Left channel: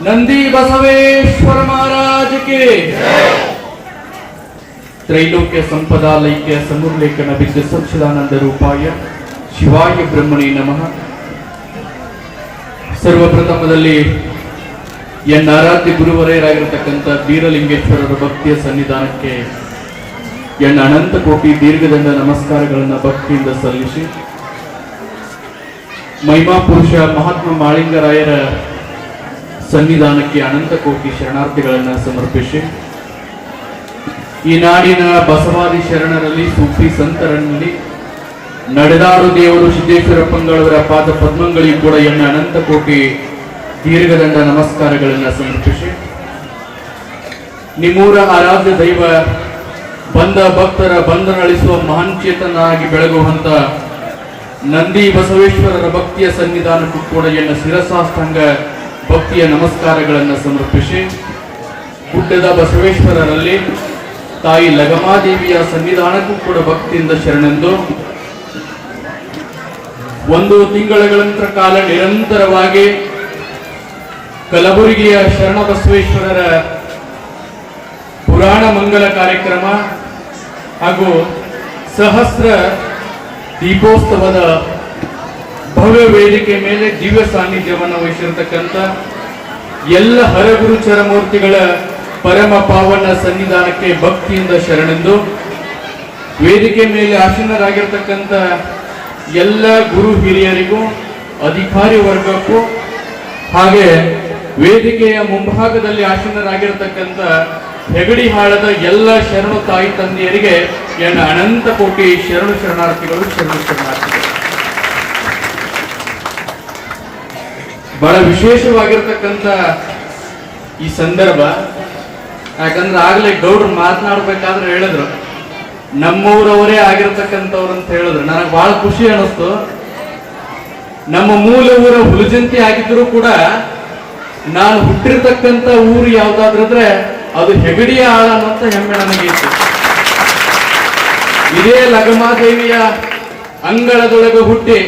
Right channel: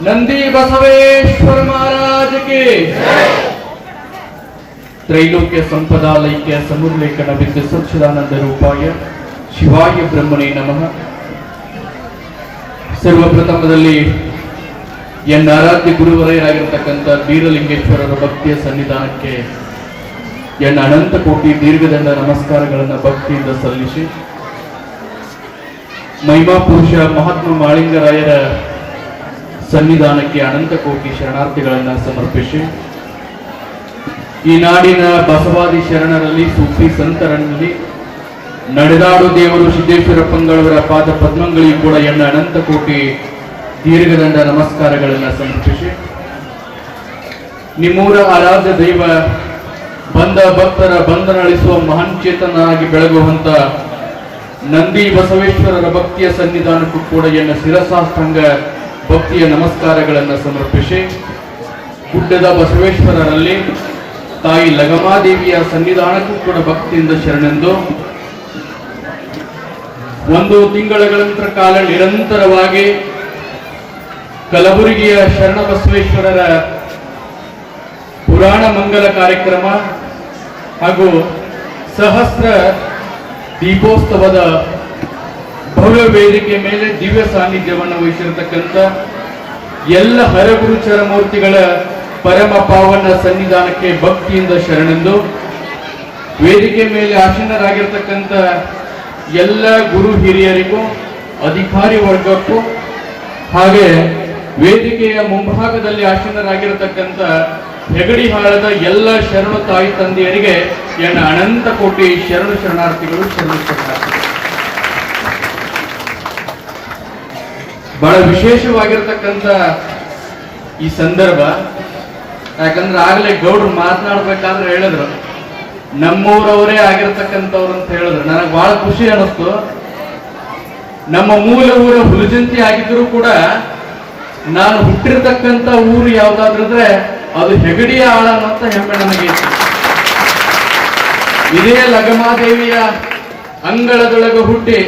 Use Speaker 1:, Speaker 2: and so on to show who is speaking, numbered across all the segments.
Speaker 1: ನಂದಿ ಬಸವೇಶ್ವರ ಮಹಾರಾಜಕ್ಕೆ ಕೆ ತ್ರೈಲೋಕ್ಯ ಸಂಪದಾಲೈಕ್ಯ ಸಮುರ್ಲೇಖನ ಬಿದ್ದು ಸ್ವಚ್ಛದಾನಂದ ರೂಪಾಯ, ಶಿವಾಯ ಬ್ರಹ್ಮಣೇ ನಮಃ. ಸರ್ವಪ್ರಥಮದಲ್ಲಿ ಎನ್ ಆರಾಧ್ಯ ಗುರುವರೆಯರಾಗಿರ್ತಕ್ಕಂಥ ಬೀರಲಿಂಗೇಶ್ವರರ ಭಕ್ತಿಯ ಸನ್ನಿಧಾನಕ್ಕೆ ಎನ್ ಅನಂತ ಕೋಟಿ ದೀರ್ಘದಂಡ ನಮಸ್ಕಾರಗಳನ್ನು ಭಕ್ತಿಯಿಂದ ಸಲ್ಲಿಸಿ ಮಹಿಮಾ ಪುರುಷ ಮಹಾತ್ಮ ಮಾಳಿಂಗರಾಯರ ಸನ್ನಿಧಾನಕ್ಕೆ ಅನಂತ ಕೋಟಿ ಶರಣಾರ್ಥಿಗಳನ್ನು ಸಮರ್ಪಿಸಿ. ಈ ನಾಡಿನ ಬಸವಾದಿ ಶರಣರಲ್ಲಿ ಸೂಫಿ ಸಂತರಲ್ಲಿ ನಡೆದಾಡು ದೇವರು ಸಿದ್ದೇಶ್ವರ ಪಂಗಳವರ ಪಾದ ಪದ್ಮಗಳಿಗೂ ಕೂಡ ಎನ್ನ ಅನಂತ ಕೋಟಿ ದೀರ್ಘದಂಡ ನಮಸ್ಕಾರಗಳನ್ನು ಸಮರ್ಪಿಸಿ. ನಿಮ್ಮೂರ ಆರಾಧ್ಯ ದೈವ ಬಂದ ಭಕ್ತರ ಬಂಧನಳಿಸುವ ಮಹಾನ್ ಚೇತನನಾಗಿ ಬೆಳಗುವಂತ ನಂದಿ ಬಸವೇಶ್ವರರ ಭಕ್ತಿಯ ಸನ್ನಿಧಾನಕ್ಕೂ ಕೂಡ ಎನ್ನ ಶಿರಸಾಷ್ಟಾಂಗ ಭಕ್ತಿಯ ನಮಸ್ಕಾರಗಳನ್ನು ಸಮರ್ಪಿಸಿ ಗುಡ್ಡದ ಬಸವೇಶ್ವರರಲ್ಲಿ ತಾಯಿ ಲಗಮಾದೇವಿಯ ಸನ್ನಿಧಾನಕ್ಕೂ ಕೂಡ ಭಕ್ತಿಯಿಂದ ಶರಣೆಂದು ಒಂದು ತಿಂಗಳ ಕಾಲ ನಿರಂತರವಾಗಿ ಕಲಬುರಗಿಯ ಶರಣ ಬಸವೇಶ್ವರರ ಪುರಾಣ ಮಂಗಲ ಕಾರ್ಯಕ್ರಮ ಹಾಗೂ ಸಹಸ್ರ ದೀಪೋತ್ಸವದ ಭವ್ಯ ವೇದಿಕೆ ಮೇಲೆ ದಿವ್ಯ ಸಾನ್ನಿಧ್ಯವನ್ನು ವಹಿಸಿರತಕ್ಕಂಥ ಎಲ್ಲ ಹರಗುರುಚರ ಮೂರ್ತಿಗಳ ಪರಮ ಪಾವನ ಸನ್ನಿಧಾನಕ್ಕೆ ಭಕ್ತಿಯಿಂದ ಶರಣೆಂದು ವೇದಿಕೆ ಮೇಲೆ ಆಸೀನರಾಗಿರ್ತಕ್ಕಂಥ ಎಲ್ಲ ಗುರು ಹಿರಿಯರಿಗೂ, ಅಧಿಕಾರಿ ವರ್ಗಕ್ಕೂ ಹಾಗೆ ವೇದಿಕೆಯ ಮುಂಭಾಗದಲ್ಲಿ ಆಸೀನರಾಗಿರತಕ್ಕಂಥ ಹೆಗಡಿ ಹಾಳದ ಎಲ್ಲ ಶರಣ ತಾಯಿ ತಂದೆಯರಿಗೆ ಎನ್ನ ಅನಂತ ಕೋಟಿ ಶರಣ ಶರಣಾರ್ಥಿಗಳು ಶರಣು ಶರಣಾರ್ಥಿಗಳು. ಬಹಳ ವಿಶೇಷವಾಗಿರ್ತಕ್ಕಂಥ ಈ ಸಂದರ್ಭ. ಯಾಕಂದ್ರೆ ಆಗಲೇ ಗೌಡ್ರು ಮಾತನಾಡ್ಬೇಕಾದ್ರೆ ಹೇಳಿದ್ರು. ನಮ್ಮೂರವರೇ ಆಗಿರ್ತಕ್ಕಂಥವ್ರು ಅಂತ ಹೇಳಿದ್ರು. ನನಗೆ ಬಹಳ ಖುಷಿ ಅನಿಸ್ತು ನಮ್ಮ ಮೂಲ ಊರು ಹುಲಜಂತಿ ಆಗಿದ್ರು ಕೂಡ ನಾನು ಹುಟ್ಟಿರ್ತಕ್ಕಂಥ ಊರು ಯಾವ್ದಾದ್ರಂದ್ರೆ ಅದು ಹೆಗಡಿಯ ಆಳ ಅಂತ ಹೆಮ್ಮೆ ನನಗೆ ಇದೇ ಲಗಮಾದೇವಿಯ ಅಂಗಳದೊಳಗೆ ಹುಟ್ಟಿ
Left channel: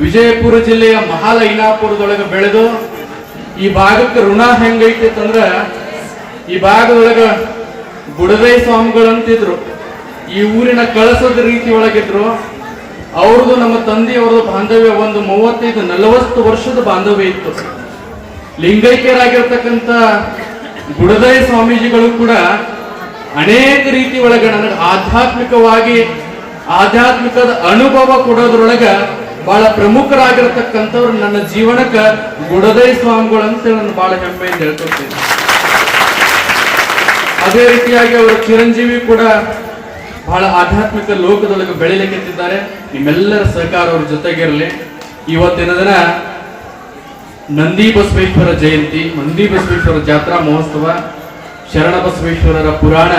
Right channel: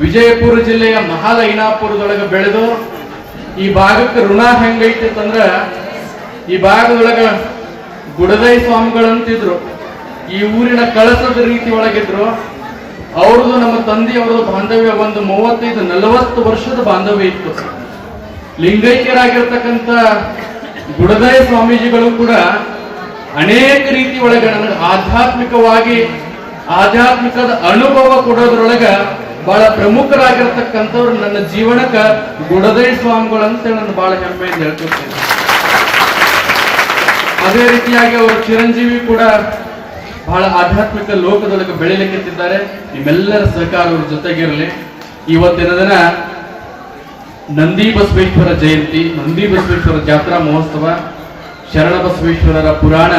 Speaker 1: ವಿಜಯಪುರ ಜಿಲ್ಲೆಯ ಮಹಾಲೈನಾಪುರದೊಳಗೆ ಬೆಳೆದು ಈ ಭಾಗಕ್ಕೆ ಋಣ ಹೆಂಗೈತಿ ಅಂತಂದ್ರ ಈ ಭಾಗದೊಳಗ ಗುಡದೈ ಸ್ವಾಮಿಗಳಂತಿದ್ರು. ಈ ಊರಿನ ಕಳಸದ ರೀತಿ ಒಳಗಿದ್ರು. ಅವ್ರದ್ದು ನಮ್ಮ ತಂದೆಯವರ ಬಾಂಧವ್ಯ ಒಂದು ಮೂವತ್ತೈದು, ನಲವತ್ತು ವರ್ಷದ ಬಾಂಧವ್ಯ ಇತ್ತು. ಲಿಂಗೈಕ್ಯರಾಗಿರ್ತಕ್ಕಂಥ ಗುಡದಯ ಸ್ವಾಮೀಜಿಗಳು ಕೂಡ ಅನೇಕ ರೀತಿ ಒಳಗೆ ನನಗೆ ಆಧ್ಯಾತ್ಮಿಕವಾಗಿ, ಆಧ್ಯಾತ್ಮಿಕದ ಅನುಭವ ಕೊಡೋದ್ರೊಳಗ ಬಹಳ ಪ್ರಮುಖರಾಗಿರ್ತಕ್ಕಂಥವ್ರು ನನ್ನ ಜೀವನಕ್ಕ ಗುಡದೈ ಸ್ವಾಮಿಗಳು ಅಂತ ನಾನು ಬಹಳ ಹೆಮ್ಮೆಯಿಂದ ಹೇಳ್ಕೊಳ್ತೇನೆ ಅದೇ ರೀತಿಯಾಗಿ ಅವರು ಚಿರಂಜೀವಿ ಕೂಡ ಬಹಳ ಆಧ್ಯಾತ್ಮಿಕ ಲೋಕದೊಳಗೆ ಬೆಳಿಲಿಕ್ಕಿದ್ದಾರೆ ನಿಮ್ಮೆಲ್ಲರ ಸಹಕಾರ ಅವ್ರ ಜೊತೆಗಿರಲಿ ಇವತ್ತಿನ ದಿನ ನಂದಿ ಬಸವೇಶ್ವರ ಜಯಂತಿ, ನಂದಿ ಬಸವೇಶ್ವರ ಜಾತ್ರಾ ಮಹೋತ್ಸವ, ಶರಣ ಬಸವೇಶ್ವರರ ಪುರಾಣ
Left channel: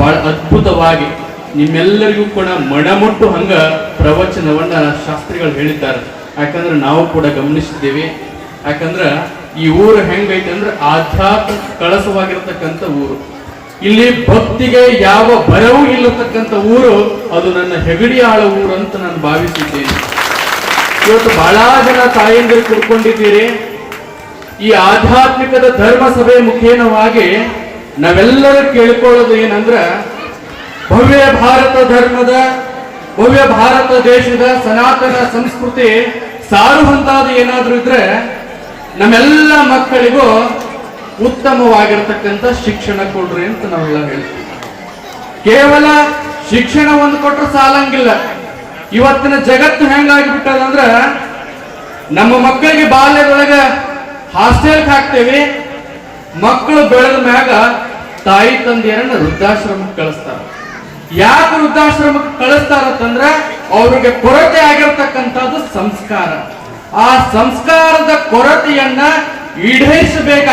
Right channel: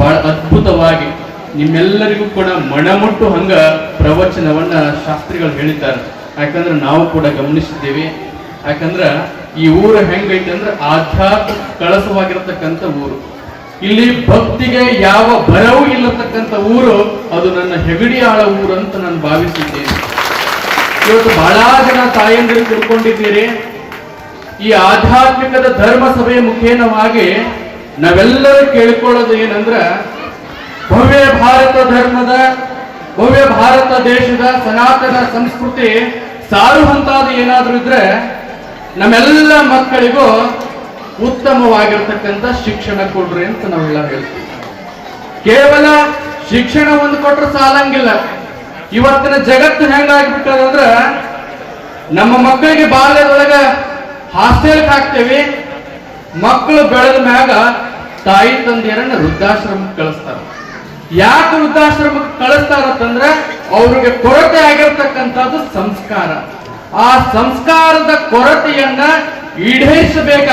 Speaker 1: ಬಹಳ ಅದ್ಭುತವಾಗಿ ನಿಮ್ಮೆಲ್ಲರಿಗೂ ಕೂಡ ಮಣಮುಟ್ಟು ಹಂಗ ಪ್ರವಚನವನ್ನ ಶಾಸ್ತ್ರಿಗಳು ಹೇಳಿದ್ದಾರೆ. ಯಾಕಂದ್ರೆ ನಾವು ಕೂಡ ಗಮನಿಸಿದ್ದೇವೆ. ಯಾಕಂದ್ರ ಈ ಊರು ಹೆಂಗೈತೆ ಅಂದ್ರೆ ಆಧ್ಯಾತ್ಮ ಕಳಸವಾಗಿರತಕ್ಕಂಥ ಊರು. ಇಲ್ಲಿ ಭಕ್ತಿಗೆ ಯಾವ ಭಯವೂ ಇಲ್ಲತಕ್ಕಂಥ ಊರು ಅದು ನನ್ನ ಹೆಗಡಿ ಆಳ ಊರು ಅಂತ ನಾನು ಭಾವಿಸಿದ್ದೇನೆ. ಇವತ್ತು ಬಹಳ ಜನ ತಾಯಂದಿರು ಕುಡ್ಕೊಂಡಿದ್ದೀರಿ. ಈ ಆಧ್ಯಾತ್ಮಿಕದ ಧರ್ಮ ಸಭೆ ಮುಖೇನವಾಗಿ ನಾವೆಲ್ಲರೂ ಕೇಳ್ಕೊಳ್ಳೋದು ಏನಂದ್ರ ಭವ್ಯ ಭಾರತ ಧರ್ಮದ, ಭವ್ಯ ಭಾರತ ದೇಶದ ಸನಾತನ ಸಂಸ್ಕೃತಿ ಸಾರುವಂತಾದ ಏನಾದ್ರೂ ಇದ್ರೆ ನಮ್ಮೆಲ್ಲ ಮಕ್ಕಳಿಗೂ ಉತ್ತಮವಾಗಿರ್ತಕ್ಕಂಥ ಶಿಕ್ಷಣ ಕೊಡ್ರಿ ಅಂತ ನಾವೆಲ್ಲ ಹೇಳ್ತೀವಿ. ಕೇವಲ ಶಿಕ್ಷಣ ಒಂದು ಸಾಲಂಗಿಲ್ಲ. ಇವತ್ತಿನ ಜಗತ್ತು ಹೆಂಗಾಗ್ಬಿಟ್ಟದಂದ್ರ ನಮ್ಮ ಮಕ್ಕಳಿಗೆ ಬಾಲ್ಯದೊಳಗೆ ಹಾಸ್ಟೆಲ್ ಹಾಕ್ತೇವೆ, ಮಕ್ಕಳು ಬೆಳೆದ ಮ್ಯಾಗ ತಾಯಿ ತಂದೆಯರನ್ನ ವೃದ್ಧಾಶ್ರಮಕ್ಕೆ ಕಳಿಸ್ತಾರ. ಯಾಕೆ ವೃದ್ಧಾಶ್ರಮಕ್ಕೆ ಕಳಿಸ್ತಾರ ಅಂತಂದ್ರೆ ಅವ್ರಿಗೆ ಕೊರತೆ ಆಗಿರ್ತಕ್ಕಂಥದ್ದು ಸಂಸ್ಕಾರ. ಆ ಸಂಸ್ಕಾರದ ಕೊರತೆಯನ್ನ ಈಡೇರಿಸಬೇಕಾಗಿ